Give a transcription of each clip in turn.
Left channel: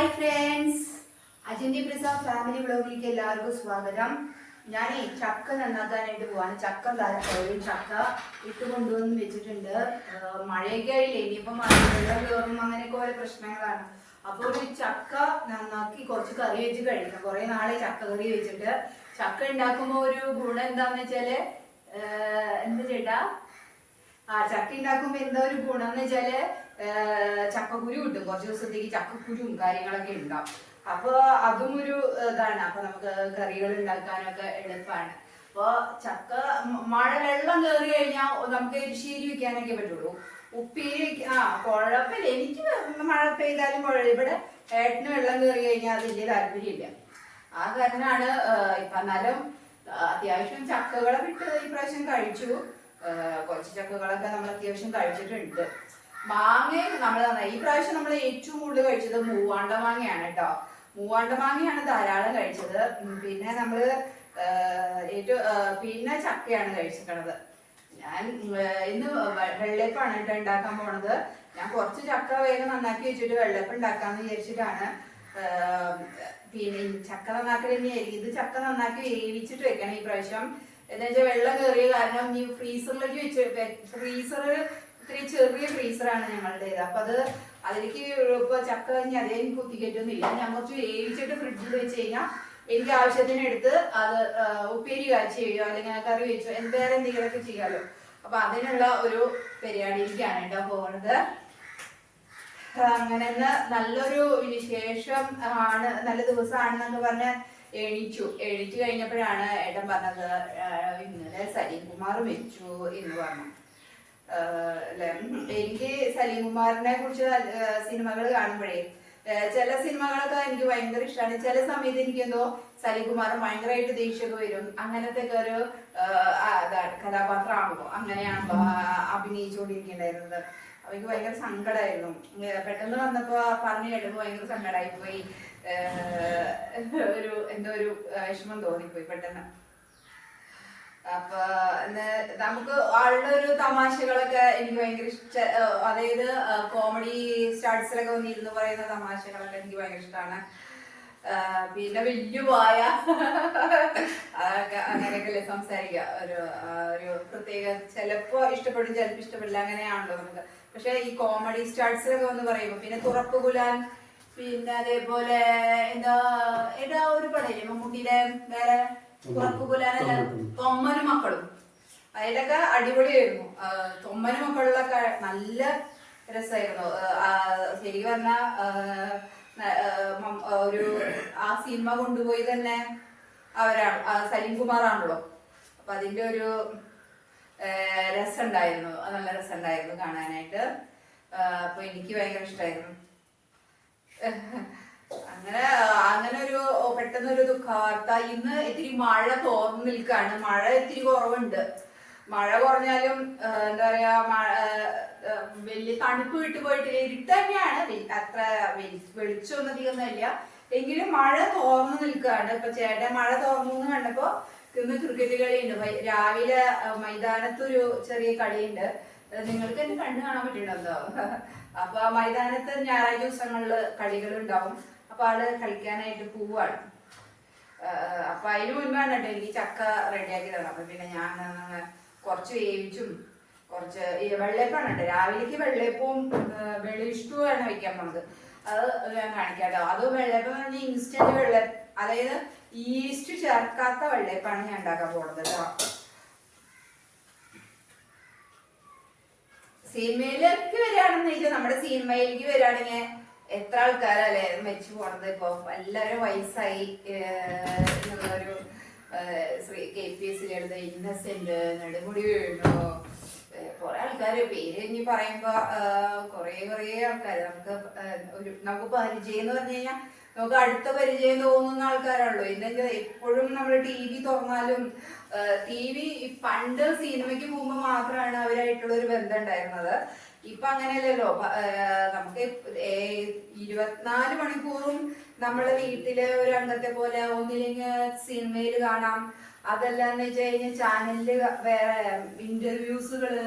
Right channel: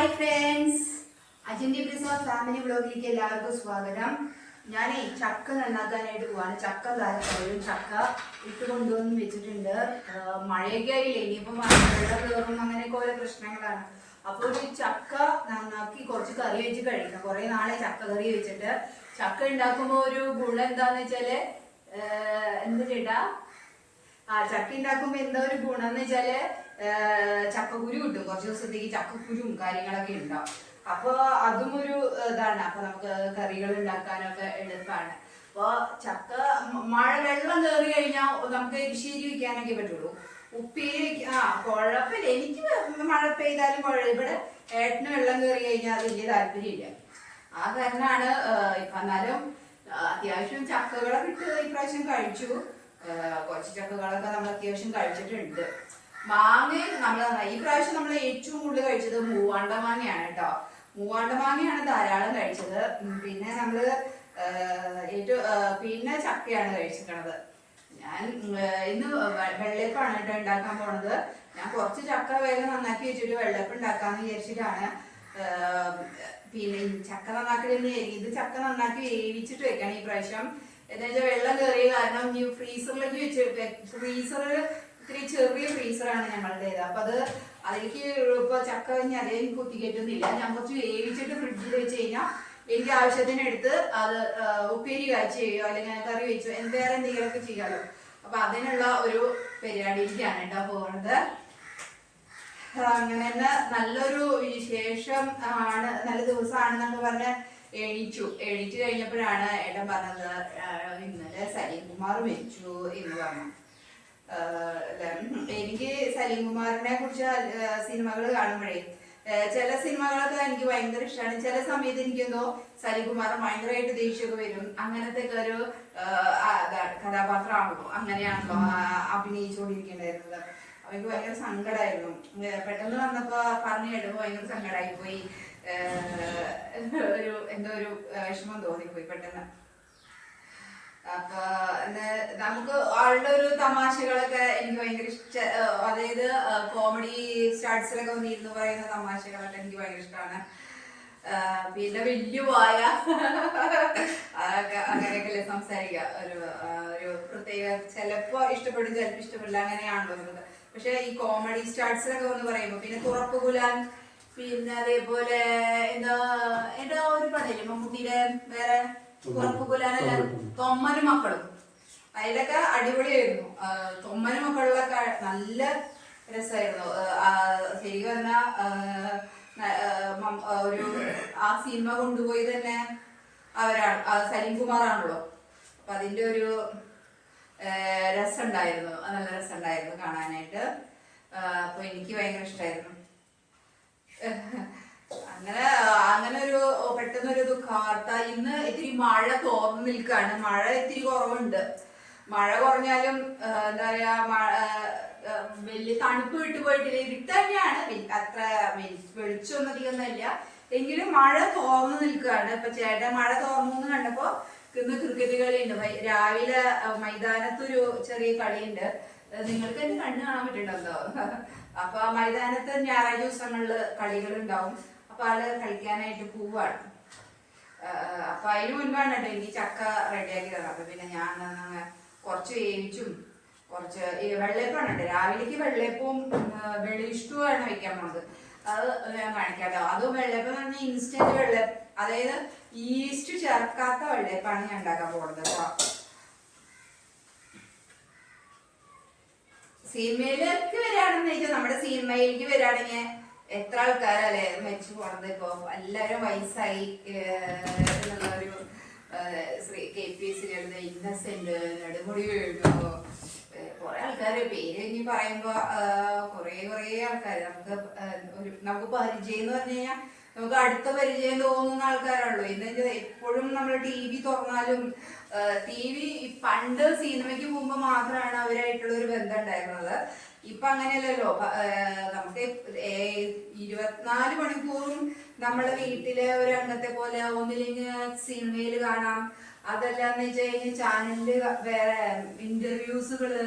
Hi friends, അജിന്റെ preserve family വ്ലോഗിലേക്ക് എല്ലാവർക്കും സ്വാഗതം. ഞാൻ ചക്ക നന്നാക്കാനായിട്ട് പോവാണ്. ചക്ക ചക്ക ഇട്ട് കൊണ്ടുവന്ന് വെച്ചിട്ടുണ്ട്. മഴയൊക്കെ ആയില്ലേ, ഇനിയിപ്പം വെള്ളം കയറും, അങ്ങനെയൊക്കെ ഓരോ പ്രശ്നങ്ങളാണ്. അപ്പോൾ ഒരു ചക്ക നന്നാക്കി കുറച്ച് കറി വെച്ച് കഴിക്കണം. കുറെ നാളെ ചക്ക കറി വെച്ചിട്ട്. ചക്ക ഉണ്ടാക്കുമ്പോൾ ഒരു ഗുണം എന്താന്ന് വെച്ചാല് എന്താ ചേട്ടാ, ചക്ക ഉണ്ടാക്കുമ്പോ എന്തോ ഒരു ഗുണം എന്ന് വെച്ചാല് ചക്കക്കുരു കിട്ടും. കുറച്ച് ദിവസത്തേക്ക് ചക്കക്കുരും കാര്യങ്ങളൊക്കെ ഉണ്ടാവും. അപ്പൊ അതും ഒരു ഇതാണ്. അപ്പൊ നമുക്ക് കറികൾ ഉണ്ടാക്കാനൊക്കെ എളുപ്പമാണ്. അപ്പൊ ചക്ക മഴ വെള്ളം കയറി കഴിഞ്ഞാൽ നമുക്ക് എരിശ്ശേരി വെക്കാനൊക്കെ പറ്റുള്ളൂ. ഉപ്പേരി കുഴപ്പമില്ല, എനിക്ക് മഴ പെയ്താലും ഇവിടെ ഏട്ടന് വെള്ളം കയറി കഴിഞ്ഞാൽ അത് വലിയ താല്പര്യമില്ല. ആ കാരണമാണ് ഇപ്പൊ. എന്നാലും അത്യാവശ്യം ചക്കകളൊക്കെ ഇട്ട് ഇപ്രാവശ്യം കഴിച്ചു. കുറച്ച് ചക്കകളൊക്കെ നമ്മൾ അത്യാവശ്യം കഴിച്ചിട്ടുണ്ട്. മാങ്ങ നമ്മൾ ഈ പ്രാവശ്യം നമ്മൾ ഏറ്റവും കൂടുതൽ കഴിച്ചത് മൂവാണ്ട മാങ്ങയാണ് കേട്ടോ. മൂവാണ്ട മാങ്ങയാണ് ധാരാളം കഴിച്ചത്. പിന്നെ നമ്മള് പിന്നെ ചക്കയാണ് കഴിച്ചിരിക്കണത്. ഞാൻ ഇന്ന് വെള്ളയപ്പാണ് കേട്ടോ ഉണ്ടാക്കാൻ പോണത്. ഞാൻ കുറച്ച് ചക്ക വേഗം നന്നാക്കി വെച്ചിട്ട് വെള്ളയപ്പം ഉണ്ടാക്കാന്ന് വിചാരിച്ചിട്ടാണ്. പിന്നെ ചക്ക നന്നാക്കൽ തന്നെയായിരിക്കും. ഇത് ചക്ക നന്നാക്കി വേവിച്ചിട്ട് വെക്കണം ഈ പ്രാവശ്യം. എന്താ വെച്ചാൽ വെള്ളം കയറിയ കാരണം ഈ ഫ്രീസറിലേക്ക് വെച്ച്, ഫ്രീസർ ഇത്തിരി ചെറിയ ഫ്രീസറാണ് ഞങ്ങളുടേത്. അപ്പൊ അതിലേക്ക് ഇപ്പൊ ചക്ക കഴിഞ്ഞ് അതേ കുത്തിക്കയറ്റുന്നില്ല. ഞാൻ കുറച്ച് വേവിച്ചിട്ട് ഫ്രിഡ്ജിൽ വെച്ച് കഴിഞ്ഞാൽ എനിക്ക് ആവശ്യത്തിന് എടുത്ത് അത് ഉപ്പേരി കാച്ചി ചെയ്യുകയോ അല്ലെങ്കിൽ കറി വെച്ചോ വേറെ എന്തെങ്കിലുമൊക്കെ ചെയ്യാമല്ലോ. അപ്പൊ അതിനുള്ള ഒരു പരിപാടിയിലേക്കാണ് കേട്ടോ പോകുന്നത്. അങ്ങനെ നല്ലൊരു വിശേഷം ആണ്, നല്ല ദിവസമാണെന്നൊക്കെ പറഞ്ഞ് എണീച്ചു കഴിഞ്ഞപ്പോഴാണ് ഏട്ടൻ പറഞ്ഞത് ഇന്നലെ സലീം കുമാർ മരിച്ചു എന്ന് പറഞ്ഞു. എനിക്ക് സലീം കുമാറിനെ കുറിച്ച് സിനിമകൾ കാണുമ്പോഴേ ചില സിനിമകളൊക്കെ എനിക്ക് ഭയങ്കര ഇഷ്ടമാണ്. ചില സമയത്ത് എനിക്കെന്തോ സലീം കുമാർ ഭയങ്കരമായിട്ട് ദേഷ്യമൊക്കെ വരും. അങ്ങനത്തെ ഒരു കഥാപാത്രമാണല്ലോ, അങ്ങനെയാണല്ലോ അഭിനയിച്ചുകൊണ്ടിരിക്കേണ്ടായിരുന്നത്. അവർക്ക് ഭയങ്കര സങ്കടമായിരുന്നു. പെട്ടെന്ന് വന്നപ്പോ പറഞ്ഞു കേട്ടപ്പോ ഭയങ്കര സങ്കടമായി പോയി. എന്തോ ഒരു വിഷമം തോന്നിപ്പോയി പെട്ടെന്ന്. അപ്പൊ നമുക്ക് ആളുടെ ഒരു തമാശകളൊക്കെ എനിക്ക് ഭയങ്കര അതായത് കോമഡി സ്റ്റാർട്സിലൊക്കെ വന്നിരുന്നു പറയുന്ന തമാശകളൊക്കെ എനിക്ക് ഭയങ്കര ഇഷ്ടമാണ്. പിന്നെ വലിയ വായ അതൊക്കെ അങ്ങനെയൊക്കെയല്ലേ സംസാരിക്കുക. ഒരു പ്രത്യേക ചിലപ്പോ ഇഷ്ടപ്പെടും, ചിലപ്പോ ഇഷ്ടപ്പെടില്ല, അങ്ങനെയാണല്ലോ നമുക്ക്. പക്ഷെ ഈ കോമഡി സ്റ്റാർട്സിലൊക്കെ വന്ന് പറയുമ്പോ പിന്നെ തുറപ്പ് കുലാൻ, പിന്നെ അതേപോലെ എന്താ ഒരു പടയില്ലേ മമ്മൂട്ടിയുടെ വേറെ തുറപ്പ് കുലാനല്ല, തൊമ്മനും മക്കളും, അതിലൊക്കെ അടിപൊളിയായിരുന്നു. തൊമ്മനും മക്കളിലൊക്കെ നല്ല രസമായിരുന്നു. ശരി പറഞ്ഞ ഒരു ആ സിനിമ കൊണ്ടുപോയി തന്നെ അവരാണ്, സലീം കുമാറാണല്ലോ. അപ്പൊ അതിന്റെ ഒരു രസമുണ്ടായിരുന്നു, നല്ല രസമുണ്ടായിരുന്നു കാണാനായിട്ട്. അപ്പൊ എനിക്ക് ഭയങ്കര ഇഷ്ടമായിരുന്നു. അങ്ങനെ ഒരു പെട്ടെന്നൊരു ദുഃഖവാർത്ത. ഇന്ന് ഇത്തിരി മഴ തോർന്നു നിൽക്കാണ്. മഴ ഇത്തിരി കുറവുണ്ട്. മഴ കുറഞ്ഞാലും എന്താ പറയാ, വലിയ തണുപ്പ് വിട്ടുപോയിട്ടില്ല. ഇരുട്ട് തന്നെയാണ്, അത്ര വെളിച്ചമൊന്നും അധികമൊന്നുമില്ല. എങ്കിലും മഴ തോർന്നു നിൽക്കുകയാണ്. ഇപ്പൊ ചേട്ടൻ മഴ തോർന്നു എന്ന് കണ്ടപ്പോ ഇന്ന് ക്രിക്കറ്റ് കളിയുണ്ട്. രാവിലെ മൈതാനത്തൊരു ചെറിയ കളിയുണ്ട്. നിങ്ങൾക്ക് എന്നെ കണ്ണു കാണാൻ പറ്റുന്നുണ്ടോ? അപ്പൊ മൈതാനത്ത് ഞായറാഴ്ച ദിവസങ്ങളില് കളികൾ ഉണ്ടാവും. അപ്പൊ ആള് കളിക്കാനായിട്ട് പോവാണ്. അപ്പൊ അതിന് മുൻപാണ് കേട്ടോ എനിക്ക് ചക്ക റെഡിയാക്കി തരണം. അപ്പൊ പിന്നെ ഞാൻ കുറച്ച് വേവിച്ചും കുറച്ച് വെള്ളയപ്പാണ് രാവിലേക്ക് വെള്ളയപ്പവും വെളിയിഷ്ടവുമാണ് വെക്കാൻ പോണത്. അത് ഞാൻ കാണിക്കാം കേട്ടോ. അത് വെള്ളയപ്പം എന്ന് പറഞ്ഞാൽ ഇൻസ്റ്റന്റ് വെള്ളയപ്പം, അതായത് ഈസ്റ്റ് ചേർക്കാത്ത വെള്ളയപ്പാണ് ഞാൻ ഉണ്ടാക്കാൻ പോണത് കേട്ടോ. സിനിമയിലേക്ക് വരികയാണെന്ന് വെച്ചാൽ, നമ്മുടെ സിനിമയിലേക്ക് വരികയാണെങ്കിൽ എത്ര ആൾക്കാരല്ലേ മരിച്ചു പോണത്. ഇപ്പൊ എല്ലാവരും വയസ്സായി എന്നുള്ളൊരു KPS ഇന്നസെന്റ്, നെടുമുടി വീണു, കുറെ ആൾക്കാര് പേര് ഇനി പറയുമ്പോ കുറെ ആൾക്കാര് നമുക്ക് പരിചയം എന്ന് പറഞ്ഞു കഴിഞ്ഞാൽ നമുക്ക് അടുത്ത പരിചയം തോന്നുന്ന ആൾക്കാരാണല്ലോ. ഇന്ന് എപ്പോഴും നമ്മൾ TV തുറന്നാലും പണ്ട് സിനിമയ്ക്ക് പോകുമ്പോ മാത്രമാണ് അവരായിട്ടുള്ള ഒരു ബന്ധം ഉണ്ടായിരുന്നത്. ഇപ്പൊ അങ്ങനെയല്ലല്ലോ. നമുക്ക് 24 മണിക്കൂറും നമ്മളെ വീട്ടിലെ ഒരു അംഗത്തെ പോലെ ഒന്നില്ലെങ്കിൽ സിനിമയിൽ കാണാം. അതല്ലാന്ന് വെച്ച് കഴിഞ്ഞാൽ ചാനലില് വേറെ ഇന്റർവ്യൂസുകള്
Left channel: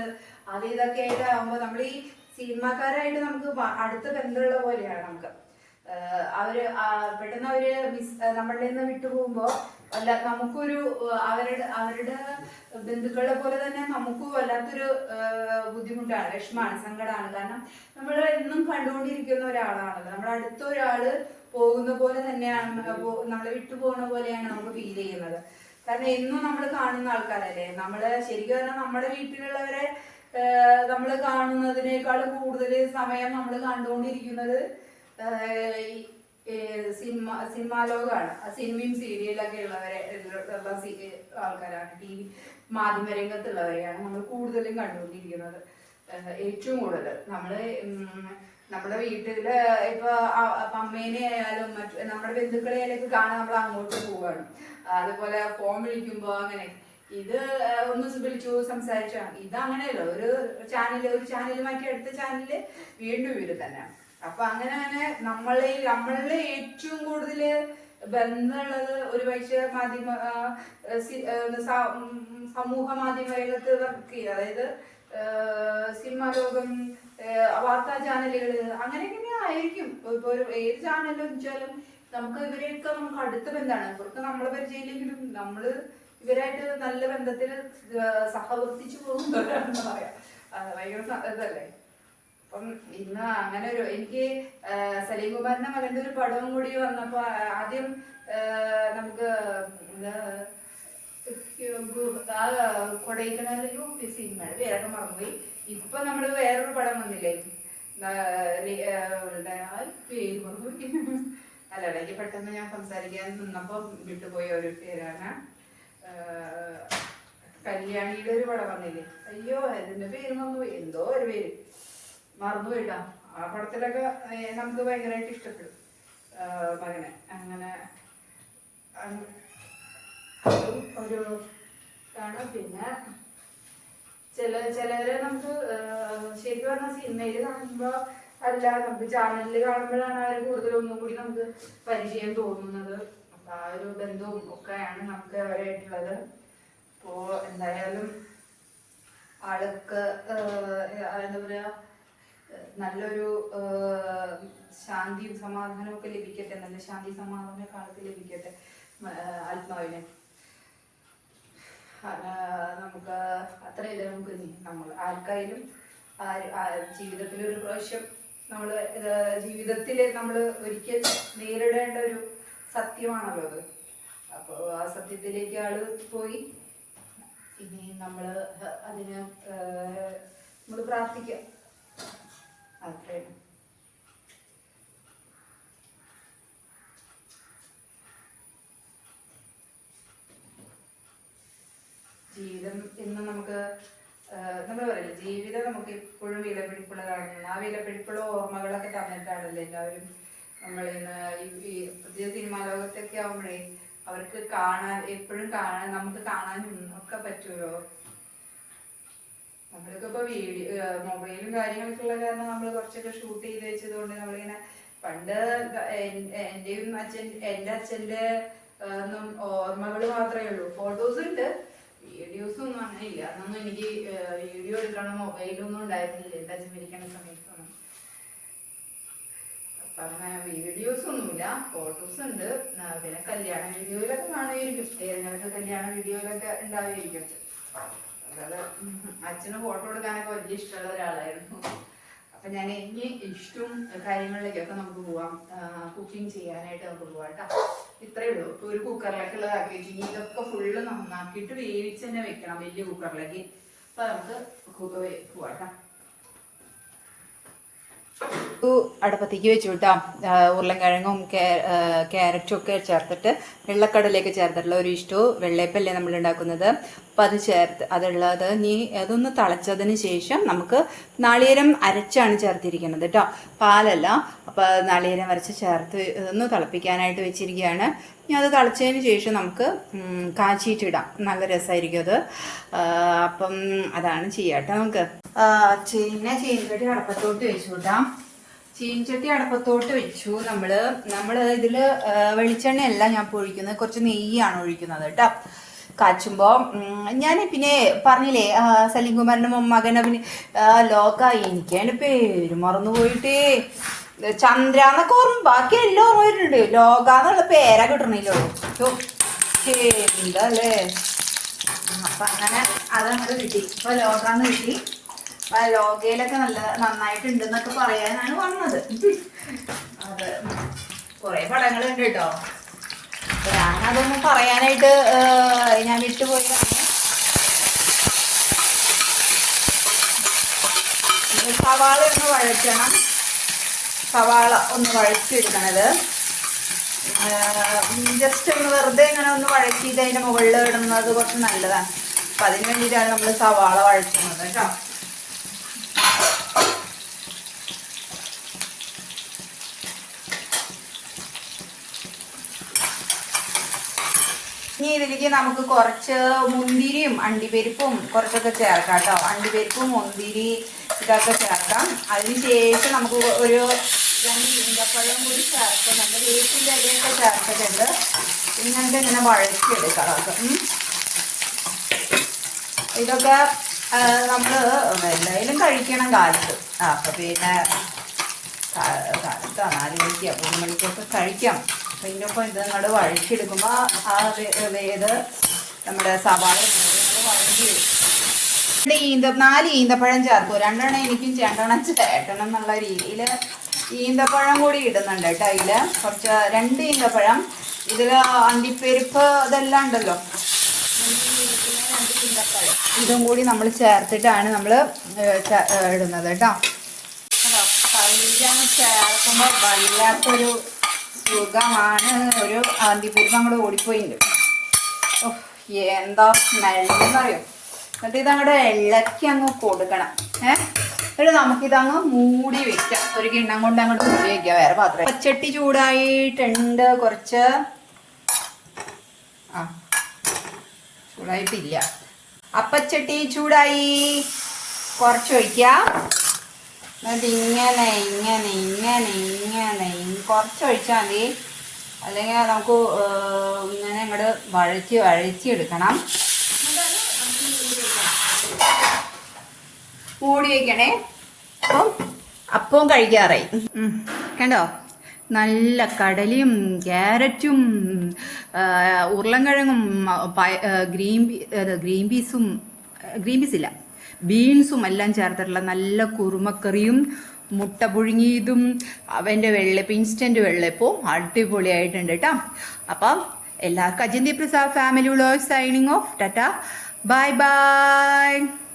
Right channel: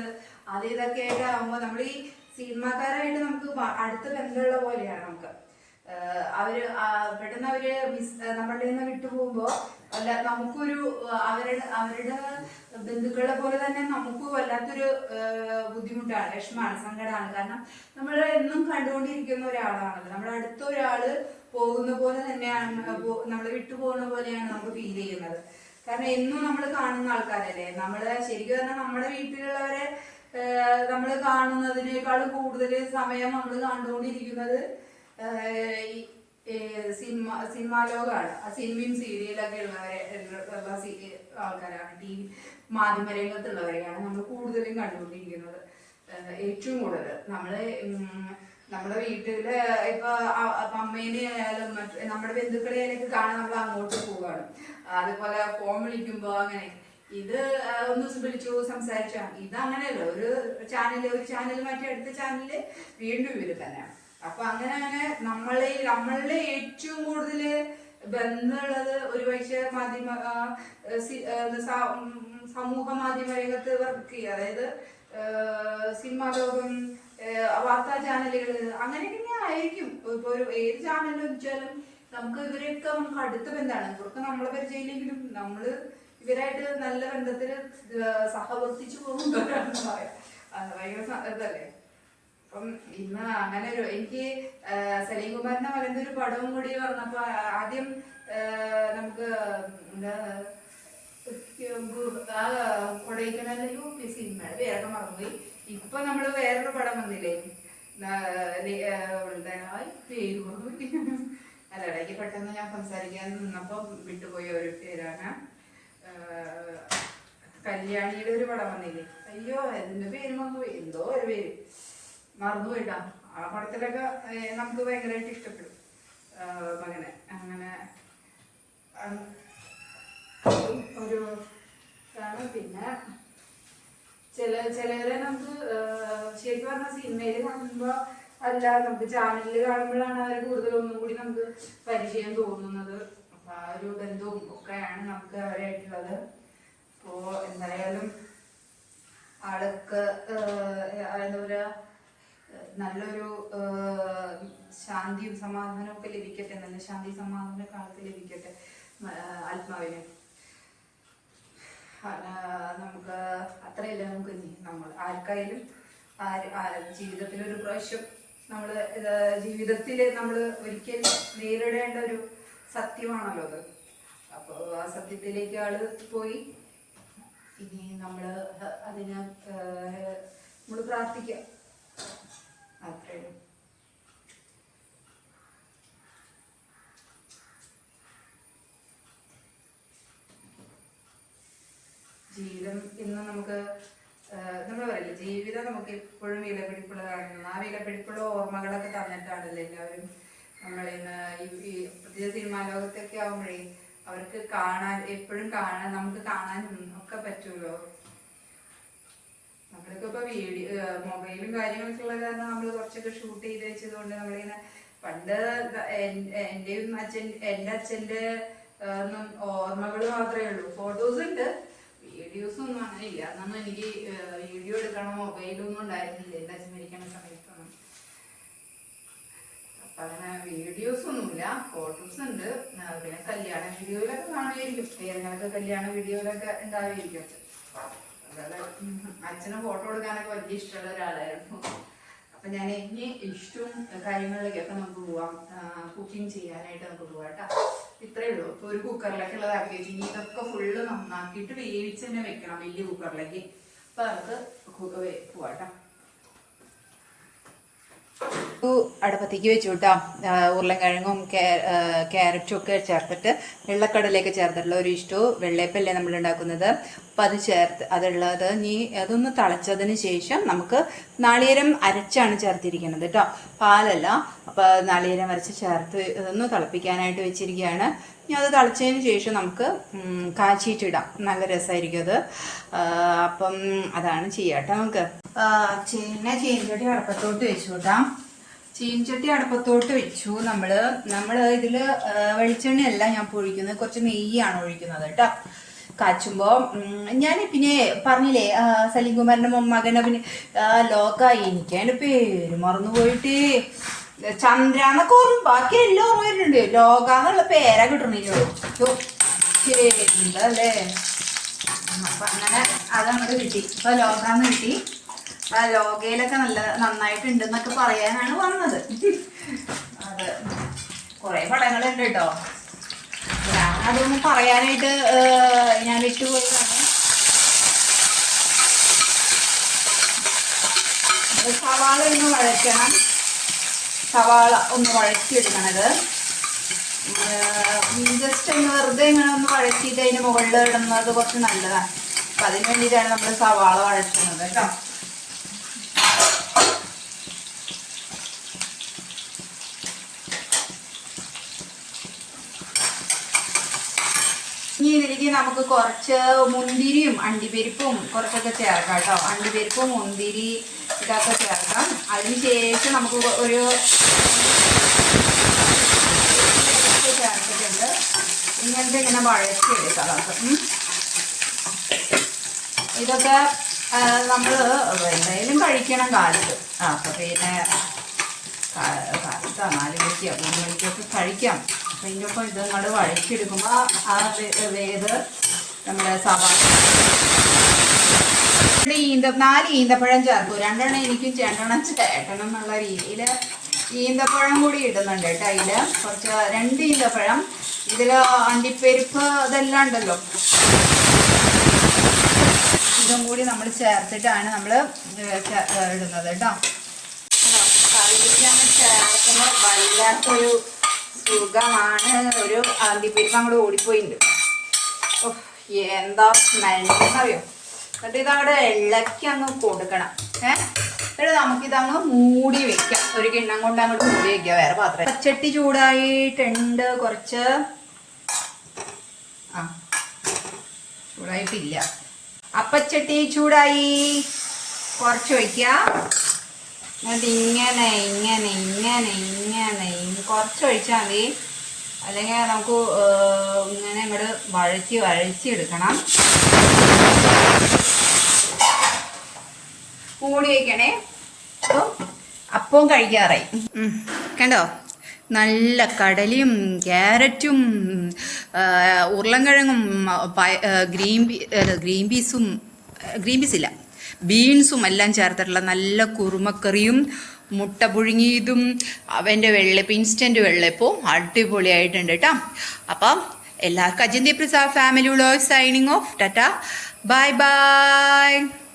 ഇതൊക്കെ ആയിട്ട് ആകുമ്പോ നമ്മൾ ഈ സിനിമാക്കാരായിട്ട് നമുക്ക് അടുത്ത ബന്ധമുള്ള പോലെയാണ് നമുക്ക്. പെട്ടെന്ന് അവര് നമ്മളുടെ നിന്ന് വിട്ടുപോകുമ്പോ അല്ല നമുക്കൊരു അവരുടെ ബന്ധുക്കളെ പോലെ തന്നെ നമുക്ക് വല്ലാത്തൊരു ബുദ്ധിമുട്ടാണ്, വിഷമാണ്, സങ്കടമാണ്. കാരണം നമ്മൾ എന്നും കണ്ടുകൊണ്ടിരിക്കുന്ന ഒരാളാണല്ലോ, നമ്മുടെ അടുത്ത ഒരാള് പോകുന്ന പോലെ തന്നെയാണ്, നമ്മളെ വിട്ടുപോകുന്ന പോലെയാണ് നമുക്ക് ഫീൽ ചെയ്യുന്നത്. കാരണം എന്നും നമ്മൾ കാണുന്ന ആൾക്കാരല്ലേ. നമ്മള് ശരിക്കും പറഞ്ഞാൽ നമ്മുടെ വീട്ടിലുള്ളവരെ നമ്മൾ കാണുന്നതിനേക്കാളും കൂടുതൽ സമയം നമ്മൾ കണ്ടുകൊണ്ടിരിക്കുന്നത് സിനിമാ ലോകമാണ്. സിനിമയും സീരിയലൊക്കെ ഉള്ള ആൾക്കാരാണ്. TV മാധ്യമരംഗത്തുള്ളവരെയാണ് നമ്മൾ കൂടുതലും കണ്ടുകൊണ്ടിരിക്കുന്നത്. ഏറ്റവും കൂടുതൽ നമ്മുടെ വീട്ടില് ഇപ്പൊ അമ്മേനെ ആയാലും നമ്മുടെ ബന്ധുക്കളെ ആയാലും കാണാൻ നമ്മൾ അങ്ങോട്ട് പോവാണ്. അതുപോലെ ഫോൺ വിളിക്കുമ്പോ അങ്ങനെ ഇത് ഒന്ന് വിളിച്ചു സംസാരിച്ചാണ്. ഇത് അങ്ങനെയല്ല, ഒരു ചാനൽ മാറ്റി അടുത്ത ചാനല് വീണ്ടും ഇവര് തന്നെ. അപ്പൊ അങ്ങനെ നമ്മളുടെ ഏറ്റവും കൂടുതൽ ബന്ധമുള്ളത് ഒരു പക്ഷേ സമൂഹ മാധ്യമ രംഗത്ത് വർക്ക് ചെയ്യുക, അതായത് സിനിമാ ലോകം, വാർത്താ ചാനലുകള്, അങ്ങനെയൊക്കെ ആയിരിക്കും. ഇപ്പൊ ഏത് ചാനലും വെച്ചാലും നമുക്ക് ഇവരെയൊക്കെ നമുക്ക് അടുത്ത ബന്ധമാണ്. ഇവർക്ക് നമ്മളെ പരിചയമില്ലെങ്കിലും നമ്മള് ഇവരായിട്ട് നല്ല ബന്ധത്തിൽ സഹവർത്തിച്ചു പോകുന്നവരാണെന്ന് പറയാം. ഭയങ്കര ഇതല്ലേ. അപ്പം ഇന്ന് അങ്ങനെ എനിക്ക് സലീം കുമാറിന്റെ മകന്റെ ഒരു പടവും കൂടി വന്നപ്പോ ആദ്യം നമുക്ക് കൊടൈക്കനാലിലും സിനിമയുടെ പേരൊക്കെ മറന്നുപോയി. ഇപ്പൊ നമ്മള് വേറൊരു പടം വന്നില്ലേ, പേര് മറന്നുപോയി. അല്ല, ഇടയ്ക്ക് പെട്ടെന്ന് ഞാൻ സംസാരിക്കാൻ നിന്നപ്പോ വിട്ടുപോയ ഒരു പേരാണ്. കല്യാണിയുടെ ഒരു പടം വന്നില്ലേ, അയ്യോ അതിന്റെ പേര് മറന്നുപോയി, എന്തോ ഒരു പേര് മറന്നുപോയിട്ടാ. ആ പടത്തിലൊക്കെ നമുക്ക് ഭയങ്കരമായിട്ട് ഇഷ്ടപ്പെടും മകനെ. അങ്ങനെ ഒരു ആണ്. പിന്നെ ചിലരെ നമുക്ക് ശരിക്കും പറഞ്ഞ സിനിമയിൽ കാണുമ്പോ അല്ല, നമുക്ക് ചാനലിൽ കാണുമ്പോഴാണ് അവർ കൂടുതലൊന്നും കൂടി നമുക്ക് പരിചയം തോന്നുന്നത്. അപ്പൊ ആ ഒരു ബന്ധവും ഒക്കെയാണ് നമുക്ക് അവരായിട്ടുള്ളത്. അപ്പോ എന്തായാലും ആൾക്ക് എന്താ പറയാ, നല്ലൊരു ശാന്തിയും സമാധാനവും ഒക്കെ ലഭിക്കട്ടെ, നല്ല ശാന്തി സമാധാന കാലത്ത് ലഭിക്കട്ടെ ആത്മാവിന്. നമുക്ക് അത്രയല്ലേ നമുക്ക് നമ്മൾ ആർക്കായാലും ജീവിതത്തിൽ ഒരു പ്രാവശ്യം ജീവിതത്തില് നമ്മൾ ഒരിക്കൽ നേരിടേണ്ട ഒരു സത്യമാണല്ലോ അത്. അപ്പോൾ ആ സത്യത്തിലേക്ക് ആള് പോയി. ഇനി അതിന് നമ്മൾ പ്രാർത്ഥിക്കാം, അത്രയും. ജീവിതം ഇന്ന് നമുക്ക് നമ്മൾ പറയില്ല, ജീവിതം നമുക്ക് എപ്പോഴും വിലപിടിപ്പുള്ളതാണ്. ആ വിലപിടിപ്പുള്ള ഓർമ്മകളൊക്കെ തന്നിട്ടാണല്ലോ എല്ലാവരും നമ്മളിന്ന് ഈ പുതിയ സിനിമാ ലോകത്തൊക്കെ ആവുമ്പോഴേ അവർക്ക് എപ്പോഴും നമുക്ക് കാണാനും ഒക്കെ പറ്റുമല്ലോ. നമ്മൾക്ക് ഇപ്പൊ മൊബൈലും കാര്യങ്ങളൊക്കെ ഉള്ള കാരണം നമ്മൾ കുറച്ചൊക്കെ ഷൂട്ട് ചെയ്ത് വെച്ചത് കൊണ്ട് നമ്മളിങ്ങനെ പണ്ട് എന്റെ അച്ഛന്റെ ഓർമ്മകൾ മാത്രമേ ഉള്ളൂ. ഫോട്ടോസ് ഉണ്ട്, വീഡിയോസ് ഒന്നും അങ്ങനെ ഇല്ല. അന്നൊന്നും എനിക്ക് വീഡിയോ എടുക്കണം മൊബൈലൊന്നും ഉണ്ടായിരുന്നില്ല എന്റെ അച്ഛൻ മരിക്കുന്ന സമയത്തൊന്നും. അപ്പൊ അങ്ങനെ വീഡിയോസ് ഒന്നുമില്ല, ഫോട്ടോസ് ഉണ്ട്. പിന്നെ കല്യാണ വീഡിയോയിലൊക്കെ കാണുമായിരിക്കും, ഏതെങ്കിലൊക്കെ കല്യാണ വീഡിയോയിലൊക്കെ ഉണ്ടാവുമായിരിക്കും അച്ഛൻ. അല്ലാതെ അച്ഛന് ഫോട്ടോ എടുക്കാനൊക്കെ വലിയ ഇഷ്ടമുള്ള ഒരാളായിരുന്നു. അപ്പൊ ഞാൻ ഇനി ഇഷ്ടവും കാര്യങ്ങളിലേക്കൊക്കെ നമുക്ക് പോവാം, കുക്കിംഗ് ചെയ്യാനായിട്ട് നമുക്ക് പോവാം കേട്ടോ. ഇത്രയേ ഉള്ളൂ. ഇപ്പൊ ഒരു കുക്കറിലൊക്കെ ഉള്ളതാക്കി വെച്ചു. ഇനി ഇതൊക്കെ ഫുള്ള് നന്നാക്കിയിട്ട് വേവിച്ച് തന്നെ വെക്കണം വലിയ കുക്കറിലേക്ക്. അപ്പൊ നമുക്ക് പോവാട്ടോ. അടുപ്പത്തേക്ക് വെച്ചു കേട്ടോ. ഉരുളൻകിഴങ്ങും ക്യാരറ്റും ഒക്കെ ചേർത്തിട്ട് വെള്ളക്കടലയൊക്കെ ചേർത്തിട്ടുള്ള ഒരു ഇഷ്ടു വെള്ളയപ്പല്ലേ നമ്മൾ ഉണ്ടാക്കുന്നത്. അപ്പം അതുള്ളത് അതൊന്ന് തിളച്ചതിന് ശേഷം നമുക്ക് നാളികേരം അരച്ചാണ് ചേർത്തിരിക്കുന്നത് കേട്ടോ, പാലല്ല. അപ്പം നാളികേരം അരച്ച് ചേർത്ത് ഇതൊന്ന് തിളപ്പിക്കാനായിട്ട് വെച്ചിരിക്കുകയാണ്. ഇനി അത് തിളച്ചതിന് ശേഷം നമുക്ക് കാച്ചിയിട്ടിടാം, നല്ല രസമായിരിക്കും അത്. അപ്പം അതാണ് ചെയ്യാട്ടോ. നമുക്ക് ചീനച്ചട്ടി അടുപ്പത്തോട്ട് വെച്ചു കേട്ടാ. ചീനച്ചട്ടി അടുപ്പത്തോട്ട് വെച്ചു. നമ്മള് ഇതില് വെളിച്ചെണ്ണയല്ല ഞാൻ ഒഴിക്കുന്നത്, കുറച്ച് നെയ്യാണ് ഒഴിക്കുന്നത് കേട്ടോ. കാച്ചുമ്പോ ഞാൻ പിന്നെ പറഞ്ഞില്ലേ സലീം കുമാറിന്റെ മകൻ ലോകായി, എനിക്ക് അതിന്റെ പേര് മറന്നുപോയിട്ടേ. ചന്ദ്രാന്നൊക്കെ ഓർമ്മ ബാക്കി എല്ലാം ഓർമ്മയിട്ടുണ്ട്. ലോകാന്നുള്ള പേരാ കിട്ടണില്ലുള്ളൂ. എന്തല്ലേ. അപ്പൊ അങ്ങനെ അതങ്ങോട്ട് കിട്ടി. ഇപ്പൊ ലോകാന്ന് കിട്ടി. ലോകയിലൊക്കെ നന്നായിട്ടുണ്ടെന്നൊക്കെ പറയാനാണ് വന്നത്. അത് കുറെ പടങ്ങളുണ്ട് കേട്ടോ. ഞാനതൊന്നും പറയാനായിട്ട് ഞാൻ വിട്ടുപോയതാണ്. സവാള ഒന്ന് വഴറ്റണം. സവാള ഒന്ന് വഴറ്റിയെടുക്കണത് ജസ്റ്റ് ഒന്ന് വെറുതെ ഇങ്ങനെ ഒന്ന് വഴറ്റിയിട്ട് അതിൻ്റെ മുകളിൽ ഇടുന്നത് കുറച്ച് നല്ലതാണ്. അപ്പം അതിന് വേണ്ടിയിട്ടാണ് നമ്മൾ സവാള വഴറ്റുന്നത് കേട്ടോ. ഇനി ഇതിലേക്ക് നമുക്ക് കുറച്ച് മുന്തിരിയും അണ്ടിപ്പരിപ്പും കുറച്ചൊക്കെ ചേർക്കാം കേട്ടോ. അണ്ടിപ്പരിപ്പും മുന്തിരി ഇതൊക്കെ ചേർക്കാം. അതിന് ശേഷം നമുക്ക് ഒരു ചേർത്തിട്ടുണ്ട്. ഇങ്ങനത്തെ ഇങ്ങനെ വഴറ്റിയെടുക്കാം നമുക്ക്. ഇതൊക്കെ നമ്മൾ എന്തായാലും കഴിക്കണം കാലത്ത്. അപ്പം പിന്നെ കാലത്ത് 4 മണിക്കോ 3 മണിക്കൊക്കെ കഴിക്കാം. അപ്പം ഇതിനൊപ്പം ഇത് നമ്മൾ വഴറ്റിയെടുക്കുമ്പോൾ ആ വേത് നമ്മുടെ സവാള 4 ഈന്തപ്പഴം ചേർത്തു. 2 എണ്ണം എനിക്കും 2 എണ്ണം ചേട്ടണം എന്നുള്ള രീതിയിൽ ഈന്തപ്പഴം കൂടി ഇടുന്നുണ്ട് കേട്ടോ. അതിൽ കുറച്ച് 2 ഈന്തപ്പഴം. ഇതിൽ അണ്ടിപ്പരിപ്പ് ഇതെല്ലാം ഉണ്ടല്ലോ, ഇതും കൂടി നമ്മൾ ചേർത്തിട്ടാണ് നമ്മൾ ഇടുന്നത് കേട്ടോ. കറിയിലാണ് ചേർക്കുമ്പോൾ വല്ലാത്തൊരു സുഖമാണ്. ഒരു അണ്ടിപ്പരിപ്പ് നമ്മൾ ഓടിപ്പോയിട്ടുണ്ട്. എന്താ സ്മെല്ലെന്നറിയോ. എന്നിട്ട് ഇതങ്ങോട്ട് ഇളക്കി അങ്ങ് കൊടുക്കണം. എന്നിട്ട് നമുക്കിതങ്ങ് മൂടി വെക്കാം. ഒരു കിണ്ണം കൊണ്ട് അങ്ങോട്ട് മൂടി വെക്കാം. വേറെ പാത്രം. പച്ചട്ടി ചൂടായിട്ടുണ്ട്. കുറച്ച് ചൂടായിട്ടില്ല. അപ്പച്ചട്ടി ചൂടായി. കുറച്ച് ഒഴിക്കാം. എന്നിട്ട് ഇങ്ങനെ ഇങ്ങനെ ഇങ്ങനെ ഇങ്ങനെ കുറച്ച് ഒഴിച്ചാൽ മതി. അല്ലെങ്കിൽ നമുക്ക് ഇങ്ങനെ അങ്ങോട്ട് വഴച്ചി എടുക്കണം. മൂടി വയ്ക്കണേ. അപ്പം കഴിക്കാറായി. കണ്ടോ, നല്ല കടലയും ക്യാരറ്റും ഉരുളൻകിഴങ്ങും ഗ്രീൻ പീസില്ല ബീൻസും എല്ലാം ചേർത്തിട്ടുള്ള നല്ല കുറുമക്കറിയും മുട്ട പുഴുങ്ങിയതും അവൻ്റെ വെള്ളപ്പം, ഇൻസ്റ്റൻറ്റ് വെള്ളപ്പവും അടിപൊളിയായിട്ടുണ്ട് കേട്ടോ. അപ്പം എല്ലാവർക്കും Ajinthi Prasad family vlog signing off. Tata, bye by.